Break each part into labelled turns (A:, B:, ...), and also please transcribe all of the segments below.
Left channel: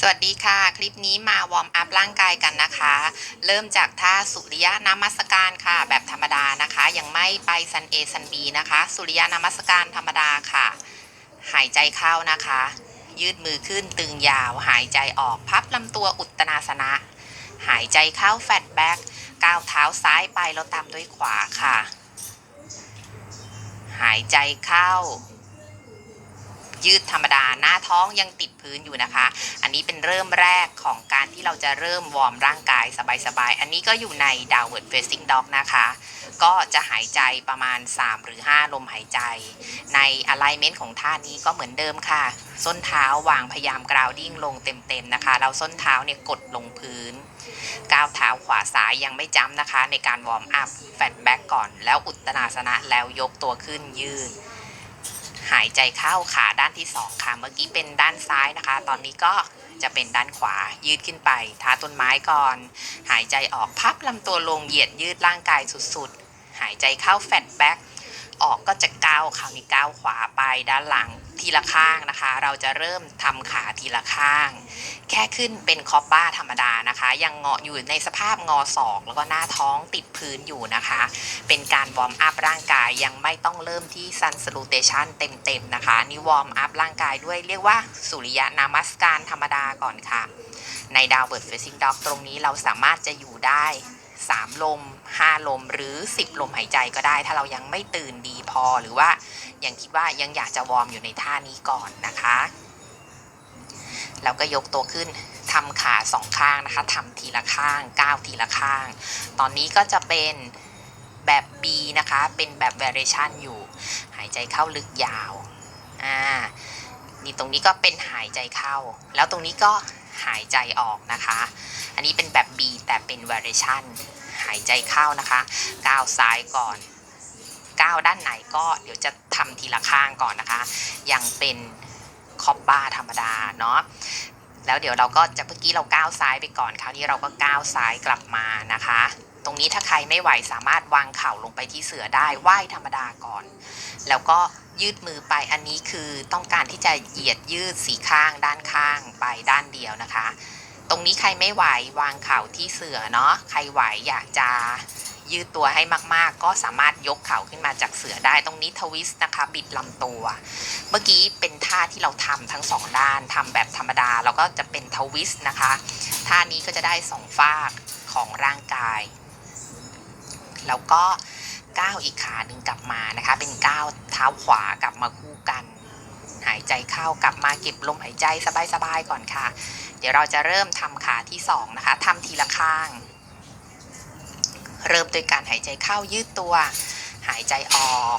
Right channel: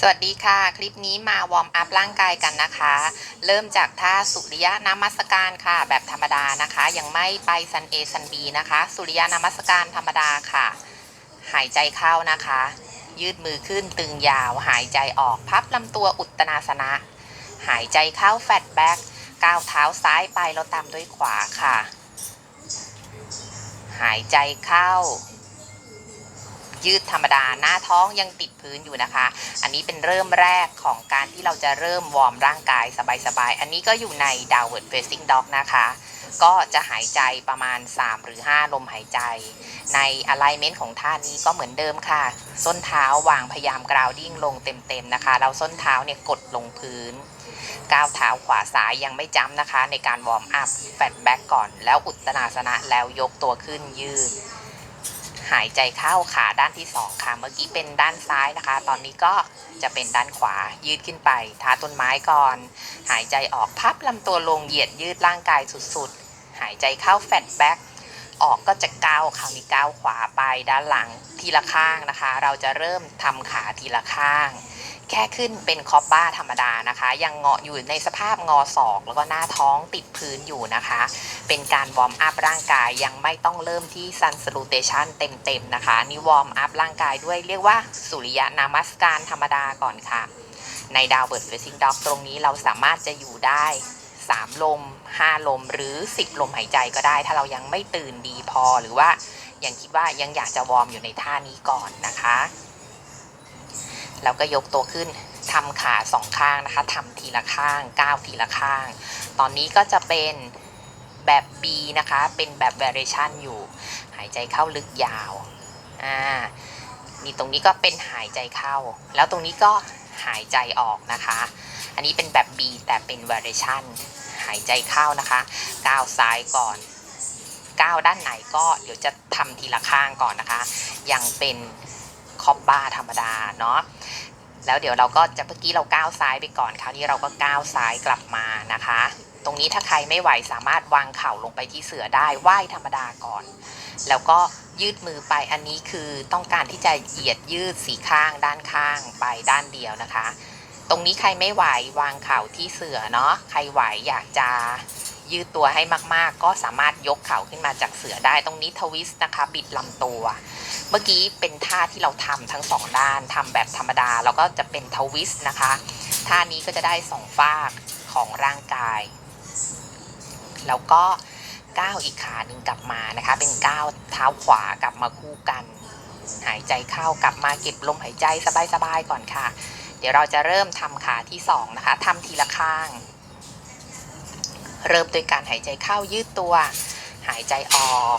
A: สวัสดีค่ะ คลิปนี้มาวอร์มอัพร่างกายกันนะคะ เริ่มจากท่าสุริยะนามัสการค่ะ แบบธรรมดานะคะ ยังไม่ไปซันเอซันบีนะคะ สุริยะนามัสการธรรมดาค่ะ หายใจเข้านะคะ ยืดมือขึ้นตึงยาว หายใจออกพับลำตัวอุตตนาสนะ หายใจเข้าแฟตแบ็กก้าวเท้าซ้ายไปแล้วตามด้วยขวาค่ะ หายใจเข้า ยืดธรรมดาหน้าท้องยังติดพื้นอยู่นะคะ อันนี้เป็นเริ่มแรกของการที่เราจะเริ่มวอร์มร่างกายสบายๆ อันนี้ก็อยู่ใน downward facing dog นะคะ ก็จะหายใจประมาณ 3 หรือ 5 ลมหายใจ ใน alignment ของท่านี้ก็เหมือนเดิมค่ะ ส้นเท้าวางพยายาม grounding ลงเต็มๆนะคะ เราส้นเท้าเนี่ยกดลงพื้นก้าวเท้าขวาซ้ายยังไม่จ้ำนะคะ ในการวอร์มอัพแฟตแบ็กก่อน แล้วอุตตนาสนะแล้วยกตัวขึ้นยืด หายใจเข้าขาด้านที่สองค่ะ เมื่อกี้เป็นด้านซ้ายนะคะ ตอนนี้ก็จะเป็นด้านขวายืดขึ้นไปท้าต้นไม้ก่อน หายใจออกพับลำตัวลงเหยียดยืดร่างกายสุดๆ หายใจเข้าแฟตแบ็กออกก็จะก้าวคราวนี้ก้าวขวาไปด้านหลังทีละข้างนะคะ เราจะเริ่มทำขาทีละข้าง แค่ขึ้นเป็นคอปบ้าธรรมดานะคะ ยังเงาะอยู่ในสภาพงอศอก แล้วก็หน้าท้องติดพื้นอยู่นะคะ เป็นการวอร์มอัพร่างกายยังไม่ต้องเริ่มที่ซันส l ูเ t ชันเต็มๆนะคะนี่วอร์มอัพร่างกายด้วยเรียกว่าสุริยะนามัสการธรรมดาก่อนค่ะ ในดาวเบิร์ดเฟซิงด็อกตรงนี้เราสามารถจะอยู่ได้3ลม5ลมหรือ 10 ลมหายใจก็ได้ ถ้าเรายังไม่ตื่นดีพอหรือว่ายังคิดว่ายังอยากจะวอร์มอยู่ในท่านี้ก่อนนะคะ แล้วก็ยกตัวขึ้นทำขาสองข้างนะคะทำทีละข้างก้าวทีละข้าง ตอนนี้ก็จะเป็นแบบ B นะคะ เป็นแบบ variation อยู่ หายใจเข้าลึกยาว อ่า นี่ตรงนี้ก็เป็นหายใจเข้า แล้วตรงนี้ก็หายใจออกนะคะ อันนี้เป็นแบบ B แต่เป็น variation หายใจเข้านะคะ ก้าวซ้ายก่อน ก้าวด้านไหนก็เดี๋ยวจะทำทีละข้างก่อนนะคะ ยังเป็น คอบบาธรรมดาเนาะแล้วเดี๋ยวเราก็จะเมื่อกี้เราก้าวซ้ายไปก่อนคราวนี้เราก็ก้าวซ้ายกลับมานะคะ ตรงนี้ถ้าใครไม่ไหวสามารถวางเข่าลงไปที่เสือได้ไหว้ธรรมดาก่อน แล้วก็ยืดมือไปอันนี้คือต้องการที่จะเหยียดยืดสีข้างด้านข้างไปด้านเดียวนะคะ ตรงนี้ใครไม่ไหววางเข่าที่เสือเนาะใครไหวอยากจะยืดตัวให้มากๆ ก็สามารถยกเข่าขึ้นมาจากเสือได้ตรงนี้ทวิสต์นะคะ บิดลำตัว เมื่อกี้เป็นท่าที่เราทำทั้งสองด้านทำแบบธรรมดา แล้วก็จะเป็นทวิสต์นะคะ ท่านี้ก็จะได้สองฝากของร่างกาย แล้วก็ก้าวอีกขาหนึ่งกลับมานะคะ เป็นก้าวเท้าขวากลับมาคู่กัน หายใจเข้ากลับมาเก็บลมหายใจสบายๆก่อนค่ะ ดี๋ยวเราจะเริ่มทำขาที่สองนะคะทำทีละข้าง เริ่มโดยการหายใจเข้ายืดตัว หายใจออก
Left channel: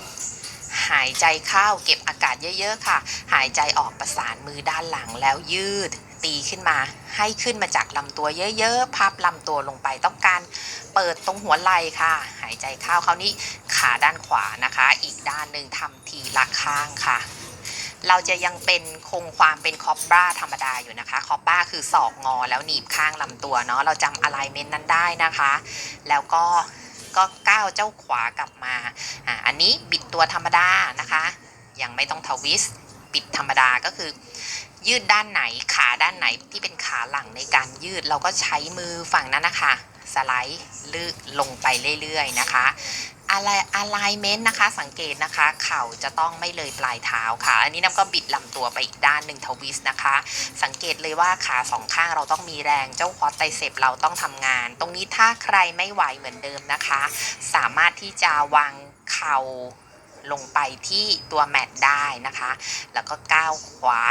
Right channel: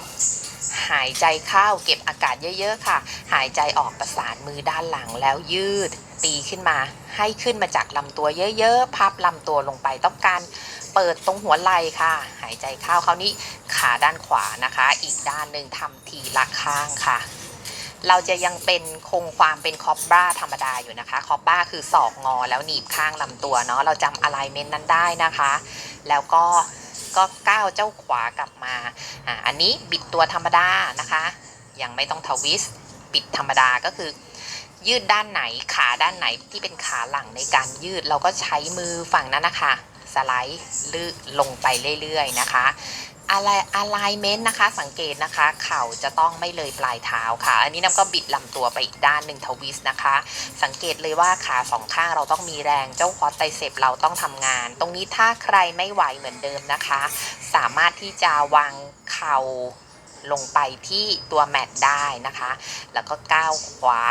A: หายใจเข้าเก็บอากาศเยอะๆค่ะ หายใจออกประสานมือด้านหลังแล้วยืด ตีขึ้นมา ให้ขึ้นมาจากลำตัวเยอะๆ พับลำตัวลงไปต้องการเปิดตรงหัวไหล่ค่ะ หายใจเข้าคราวนี้ขาด้านขวานะคะ อีกด้านหนึ่งทำทีละข้างค่ะ เราจะยังเป็นคงความเป็นคอบบ้าธรรมดาอยู่นะคะ คอบบ้าคือศอกงอแล้วหนีบข้างลำตัวเนาะ เราจำอะไลเมนต์นั้นได้นะคะ แล้วก็ก็ก้าวเจ้าขวากลับมา อ่า อันนี้บิดตัวธรรมดานะคะ ยังไม่ต้องทวิสต์บิดธรรมดาก็คือ ยืดด้านไหนขาด้านไหนที่เป็นขาหลังในการยืดเราก็ใช้มือฝั่งนั้นนะคะ สไลด์ลึลงไปเรื่อยๆนะคะอะไรอะไรเมนต์นะคะ สังเกตนะคะ เข่าจะต้องไม่เลยปลายเท้าค่ะ อันนี้น้ำก็บิดลำตัวไปอีกด้านหนึ่งทวิสต์นะคะ สังเกตเลยว่าขาสองข้างเราต้องมีแรงเจ้าคอร์ไตเซปเราต้องทำงาน ตรงนี้ถ้าใครไม่ไหวเหมือนเดิมนะคะ สามารถที่จะวางเข่าลงไปที่ตัวแมตได้นะคะ แล้วก็ก้าวขวา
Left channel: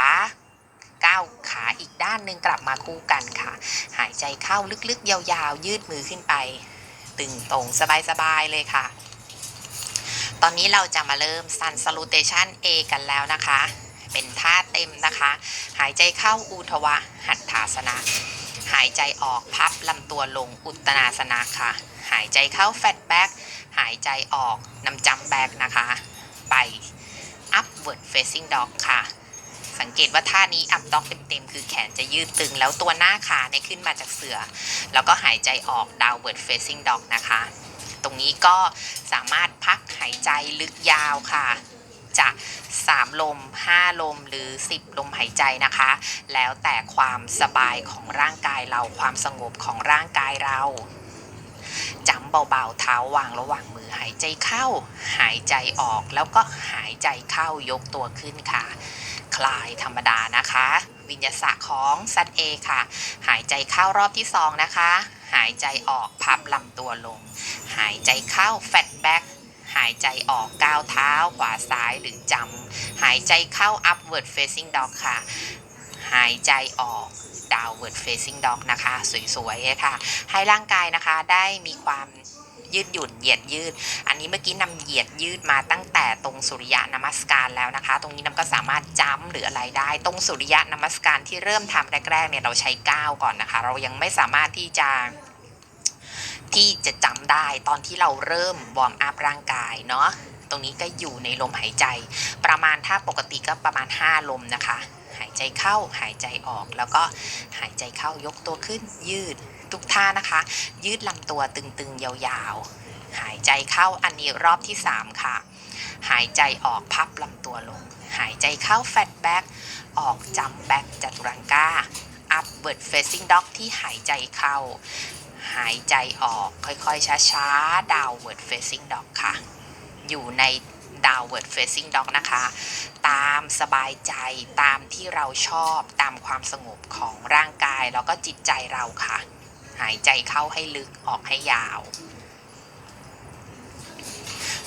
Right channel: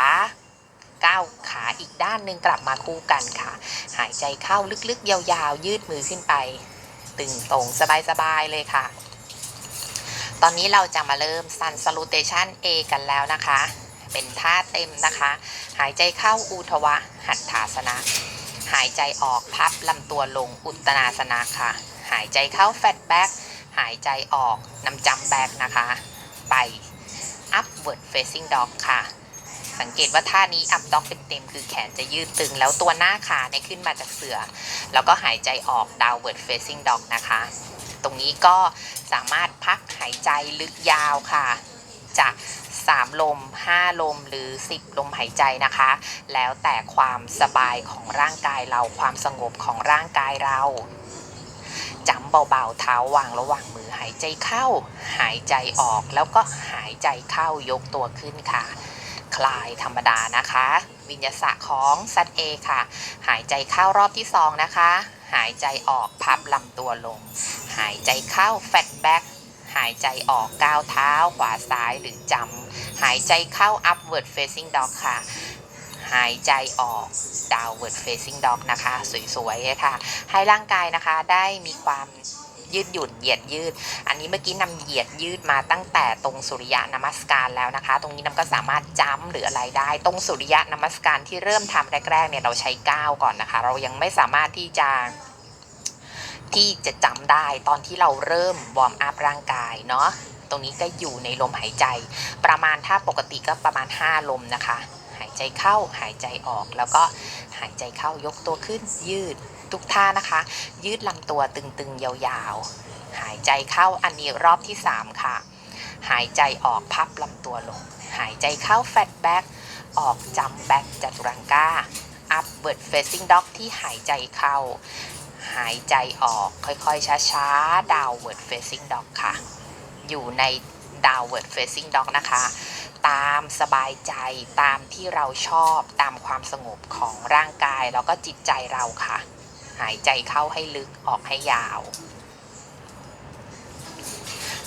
A: ก้าวขาอีกด้านหนึ่งกลับมาคู่กันค่ะ หายใจเข้าลึกๆ ยาวๆ ยืดมือขึ้นไป ตึงตรงสบายๆ เลยค่ะ ตอนนี้เราจะมาเริ่ม Sun Salutation A กันแล้วนะคะ เป็นท่าเต็มนะคะ หายใจเข้าอุทวะ หัตถาสนะ หายใจออกพับลำตัวลงอุตนาสนะค่ะ หายใจเข้าแฟตแบ็กหายใจออกนำจำแบกนะคะ ไป upward facing dog ค่ะ สังเกตว่าท่านี้ up dog เต็มๆคือแขนจะยืดตึง แล้วตัวหน้าขาเนี่ยขึ้นมาจากเสื่อ แล้วก็หายใจออก downward facing dog นะคะ ตรงนี้ก็สามารถพักหายใจลึกยาวค่ะจะ3ลม 5 ลมหรือ 10 ลมหายใจนะคะ แล้วแต่ความสบายของร่างกายเราความสงบของร่างกายเราจำเบาๆเท้าวางระหว่างมือหายใจเข้า หายใจออกแล้วก็หายใจเข้ายกตัวขึ้นค่ะ คลายธรรมดานะคะ วิญญาสะของซัดเอค่ะ หายใจเข้ารอบที่สองนะคะ หายใจออกพับลำตัวลง หายใจเข้าแฟตแบ็กหายใจออกก้าวเท้าขวาซ้ายหรือจำหายใจเข้า upward facing dog ค่ะ หายใจออก downward facing dog นะคะ สวยๆเลยค่ะ ให้ร่างกายนะคะได้มีความ ยืดหยุ่นเหยียดยืด อันนี้เมื่อกี้นำเหยียดยืดมาตั้งแต่ตรงสุริยะนมัสการแล้วนะคะ ตรงนี้นำก็สามารถจ้ำหรืออะไรได้ ตรงสุริยะนมัสการที่เริ่มทำแรกๆเนี่ยเราใช้ก้าวก่อนนะคะ เรายังไม่สามารถที่จะที่จะจำได้ตอนที่เราเริ่มวอร์มอัพร่างกายเนาะตรงนี้ก็อยู่ในลมหายใจ ประมาณถ้าปกติก็ประมาณ 5 ลมนะคะ หายใจเข้าหายใจออกแล้วก็หายใจเข้ายกตัวขึ้นยืด ทุกท่านะคะ ยืดลำตัวตึงๆ ยาวๆ หายใจเข้าอันนี้รอบที่ 3 ค่ะ หายใจออกพับลำตัวลง หายใจเข้าแฟตแบ็กออกจัมแบ็กจัตุรังกา upward facing dog ที่หายใจเข้า หายใจออกค่อยๆ ช้าๆ downward facing dog ค่ะ อยู่ใน downward facing dog นะคะ ตามสบายใจตามที่เราชอบตามความสงบของร่างกาย แล้วก็จิตใจเราค่ะ หายใจเข้าให้ลึกออกให้ยาว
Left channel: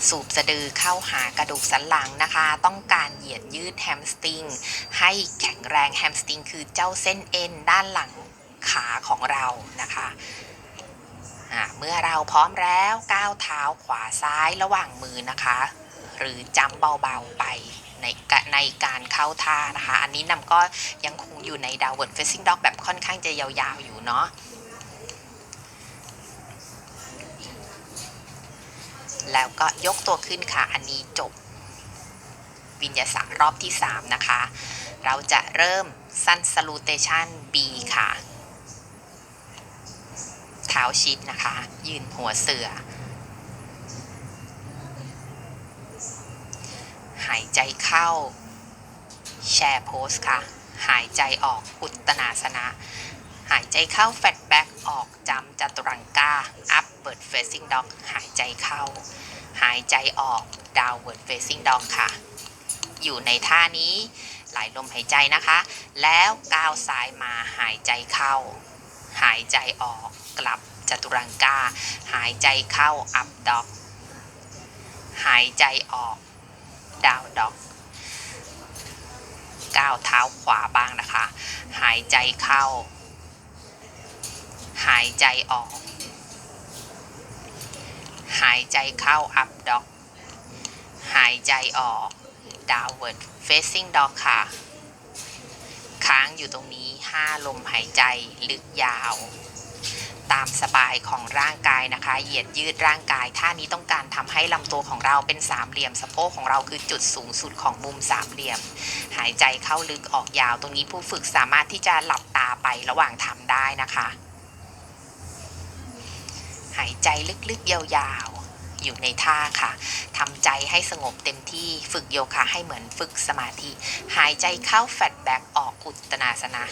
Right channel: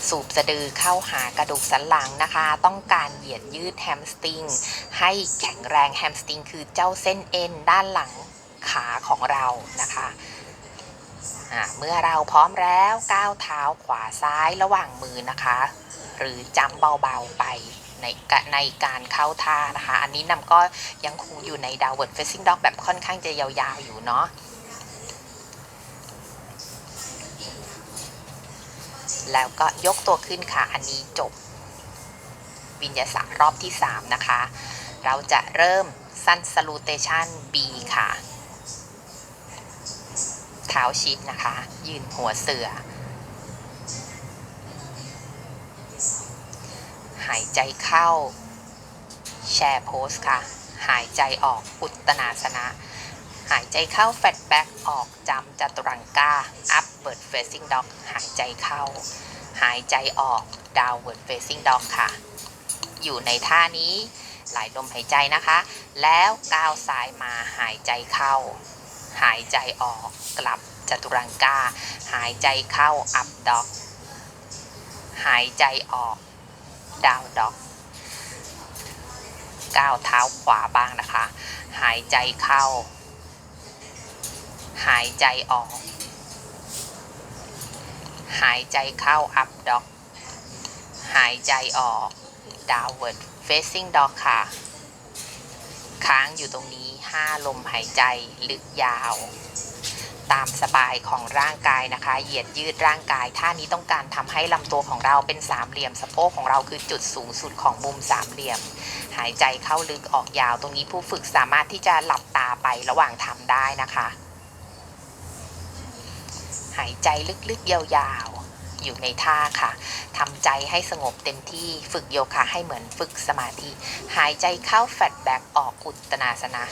A: สูบสะดือเข้าหากระดูกสันหลังนะคะ ต้องการเหยียดยืดแฮมสตริง ให้แข็งแรงแฮมสตริงคือเจ้าเส้นเอ็นด้านหลังขาของเรานะคะะเมื่อเราพร้อมแล้วก้าวเท้าขวาซ้ายระหว่างมือนะคะ หรือจำเบาๆไปในในการเข้าท่านะคะ อันนี้นำก็ยังคงอยู่ใน downward facing dog แบบค่อนข้างจะยาวๆอยู่เนาะ แล้วก็ยกตัวขึ้นค่ะ อันนี้จบ วิญญาสารรอบที่ 3 นะคะ เราจะเริ่มสั้น salutation B ค่ะ เท้าชิดนะคะ ยืนหัวเสือ หายใจเข้า แชร์โพสค่ะ หายใจออกอุตตนาสนะ หายใจเข้าแฟตแบ็กออกจำจัตุรังกา upward facing dog หายใจเข้า หายใจออก downward facing dog ค่ะ อยู่ในท่านี้หลายลมหายใจนะคะ แล้วก้าวซ้ายมาหายใจเข้า หายใจออกกลับจัตุรังกา หายใจเข้า up dog หายใจออก down dog ก้าวเท้าขวาบ้างนะคะ หายใจเข้า หายใจออก หายใจเข้า up dog หายใจออก downward facing dog ค่ะ ค้างอยู่ตรงนี้ 5 ลมหายใจลึกยาว ตามสบายของร่างกายนะคะ เหยียดยืดร่างกาย ท่านี้ต้องการทำให้ลำตัวของเราเป็นสามเหลี่ยม สะโพกของเราคือจุดสูงสุดของมุมสามเหลี่ยม หายใจเข้าลึกออกยาว ตรงนี้ผู้ฝึกสามารถที่จะหลับตาไประหว่างทำได้นะคะ หายใจลึกๆยาวๆ อยู่ในท่าค่ะทำใจให้สงบเต็มที่ฝึกโยคะให้เหมือนฝึกสมาธิ หายใจเข้าแฟตแบ็กออกอุตนาสนะ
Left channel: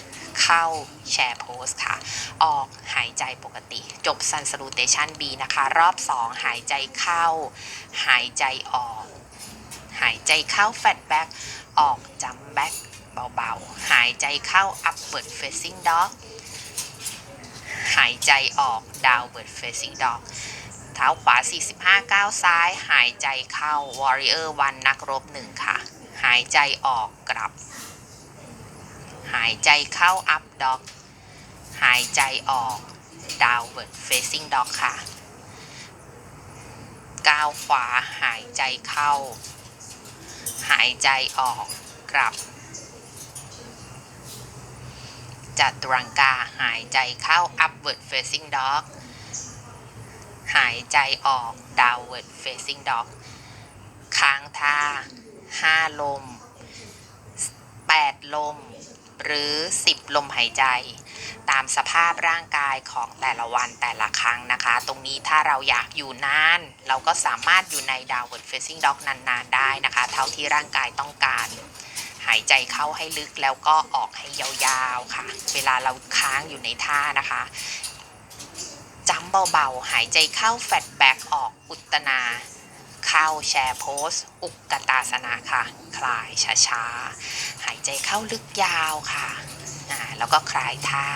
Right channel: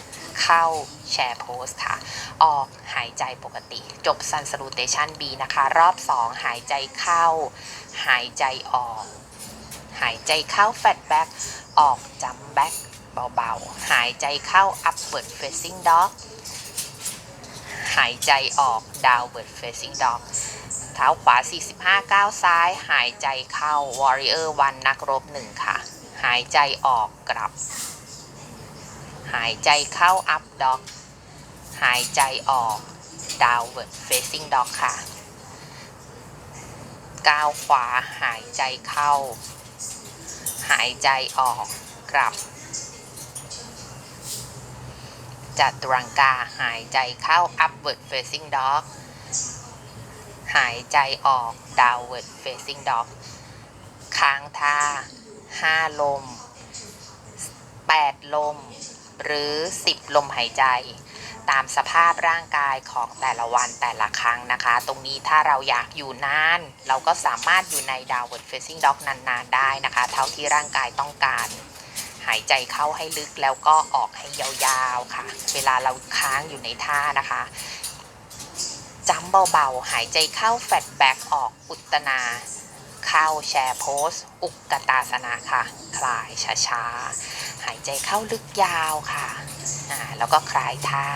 A: เข้าแชร์โพสค่ะ ออกหายใจปกติ จบซันส l ูเ t ชัน B นะคะ รอบ 2 หายใจเข้า หายใจออก หายใจเข้าแฟตแบ็กออกจัมแบ็กเบาๆ หายใจเข้า upward facing dog หายใจออก downward facing dog เท้าขวา 45 ก้าวซ้าย หายใจเข้า warrior one นักรบหนึ่งค่ะ หายใจออกกลับ หายใจเข้า up dog หายใจออก downward facing dog ค่ะ ก้าวขวาหายใจเข้า หายใจออกกลับ จัตุรังกาหายใจเข้า upward facing dog หายใจออก downward facing dog ค้างท่า5ลม8ลม หรือ10ลมหายใจ ตามสภาพร่างกายของแต่ละวันแต่ละครั้งนะคะ ตรงนี้ถ้าเราอยากอยู่นาน เราก็สามารถอยู่ใน downward facing dog นานๆได้นะคะ เท่าที่ร่างกายต้องการ หายใจเข้าให้ลึกแล้วก็ออกให้ยาวๆค่ะ เวลาเราค้างอยู่ในท่านะคะจำเบาๆ หายใจเข้าแฟตแบ็กออกอุตนา เข้าแชร์โพส อุกกตาสนะค่ะ คลายช้าๆ หายใจเข้าลึกยาวค่ะอ่าแล้วก็คลายท่า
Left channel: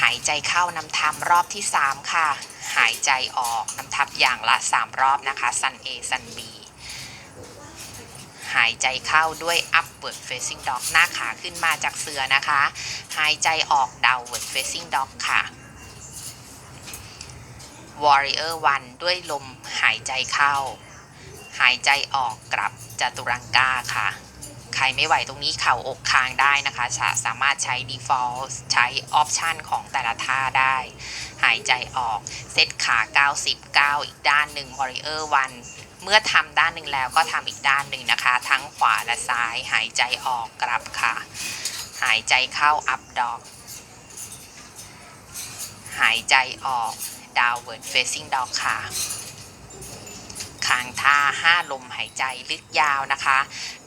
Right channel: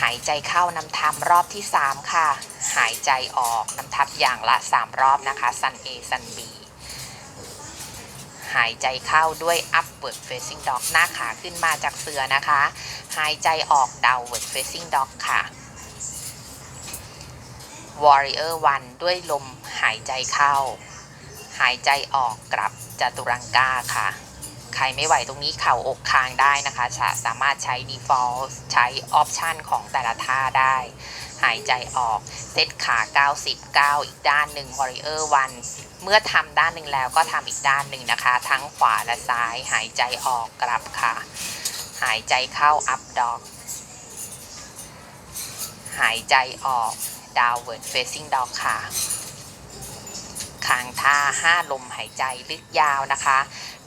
A: หายใจเข้านำทำรอบที่ 3 ค่ะ หายใจออกนำทับอย่างละ 3 รอบนะคะ สัน A สัน B หายใจเข้าด้วย upward facing dog หน้าขาขึ้นมาจากเสือนะคะ หายใจออก downward facing dog ค่ะ warrior one ด้วยลมหายใจเข้า หายใจออกกลับจัตุรังกาค่ะ ใครไม่ไหวตรงนี้เข่าอกคางได้นะคะ สามารถใช้ default ใช้ option ของแต่ละท่าได้ หายใจออก เซตขา 99 อีกด้านหนึ่ง warrior one เมื่อทำด้านหนึ่งแล้วก็ทำอีกด้านหนึ่งนะคะ ทั้งขวาและซ้าย หายใจออกกลับค่ะ หายใจเข้าอัพดอก หายใจออก downward facing dog ค่ะางท่า 5 ลมหายใจลึกยาวนะคะ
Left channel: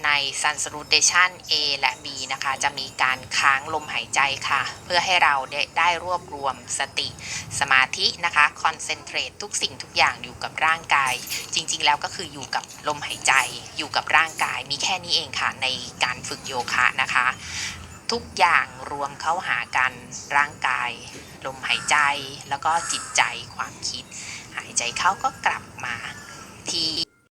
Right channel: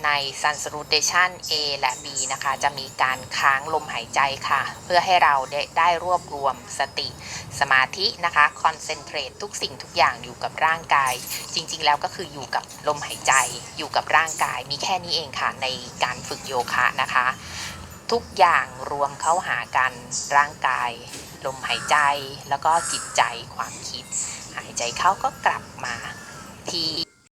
A: ใน sun salutation A และ B นะคะ จะมีการค้างลมหายใจค่ะ เพื่อให้เราได้ได้รวบรวมสติสมาธินะคะ concentrate ทุกสิ่งทุกอย่างอยู่กับร่างกาย จริงๆ แล้วก็คืออยู่กับลมหายใจ อยู่กับร่างกาย มีแค่นี้เองค่ะ ในการฝึกโยคะนะคะ ทุกอย่างรวมเข้าหากันร่างกาย ลมหายใจแล้วก็จิตใจความคิด หายใจเข้าก็กลับมา ที่